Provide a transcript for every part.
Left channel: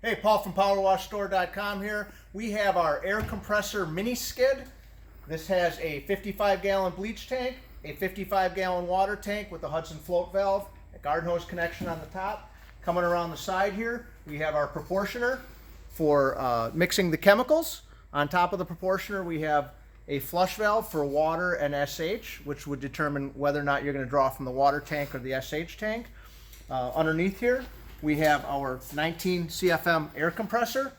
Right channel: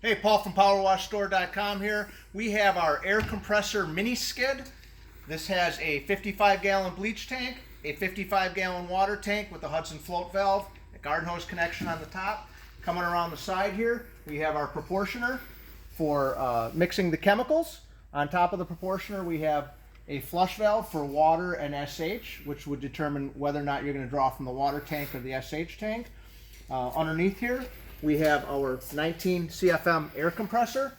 Hey, Paul from PowerWashStore.com here. We have our air compressor mini skid. This has a 55-gallon bleach tank, a 55-gallon water tank with a Hudson float valve, a garden hose connection on the top. Coming around the side here, we have our proportioner for mixing the chemicals. On top of the proportioner, we have a flush valve for water and SH, which would determine whether or not you're going to draw from the water tank or the SH tank. Underneath here, we have our 19 CFM air compressor.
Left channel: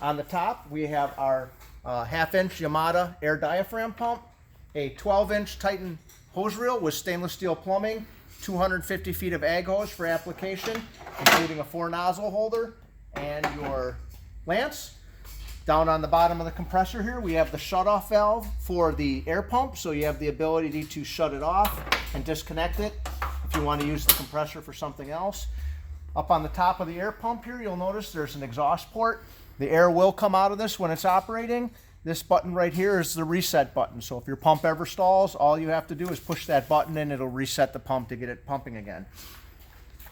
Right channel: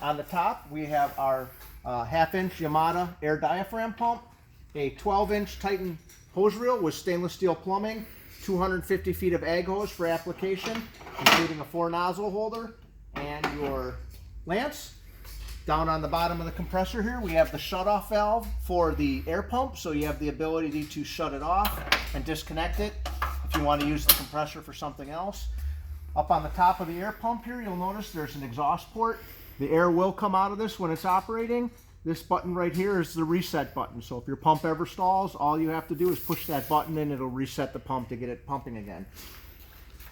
On the top, we have our half-inch Yamada air diaphragm pump, a 12-inch Titan hose reel with stainless steel plumbing, 250 feet of ag hose for application, including a 4-nozzle holder, and your lance. Down on the bottom of the compressor here, we have the shutoff valve for the air pump, so you have the ability to shut it off and disconnect it if you want to use the compressor for something else. Up on the top of the air pump here, you'll notice there's an exhaust port. The air will come out of this when it's operating. This button right here is the reset button, so if your pump ever stalls, all you have to do is push that button and it'll reset the pump to get it pumping again.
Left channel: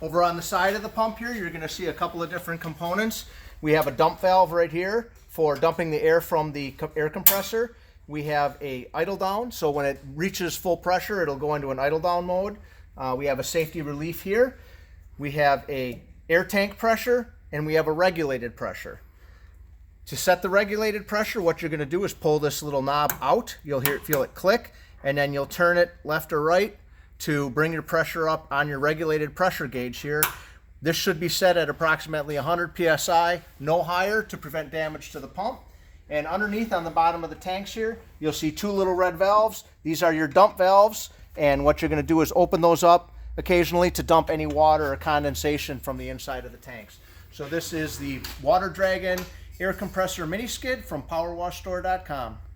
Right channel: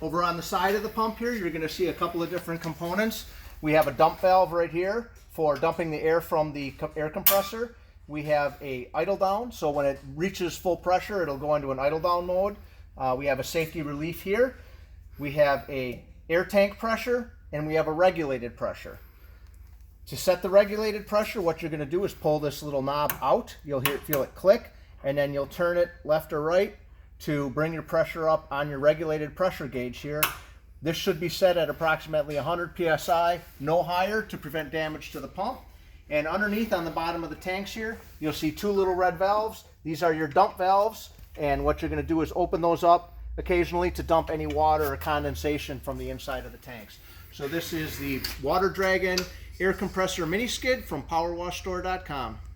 Over on the side of the pump here, you're going to see a couple of different components. We have a dump valve right here for dumping the air from the air compressor. We have a idle down, so when it reaches full pressure, it'll go into an idle down mode. We have a safety relief here. We have a air tank pressure, and we have a regulated pressure. To set the regulated pressure, what you're going to do is pull this little knob out. You'll feel it click, and then you'll turn it left or right to bring your pressure up on your regulated pressure gauge here. This should be set at approximately 100 psi, no higher, to prevent damage to the pump. And underneath on the bottom of the tanks here, you'll see two little red valves. These are your dump valves, and what you're going to do is open those up occasionally to dump any water or condensation from the inside of the tanks. So this is the Water Dragon air compressor mini skid from PowerWashStore.com.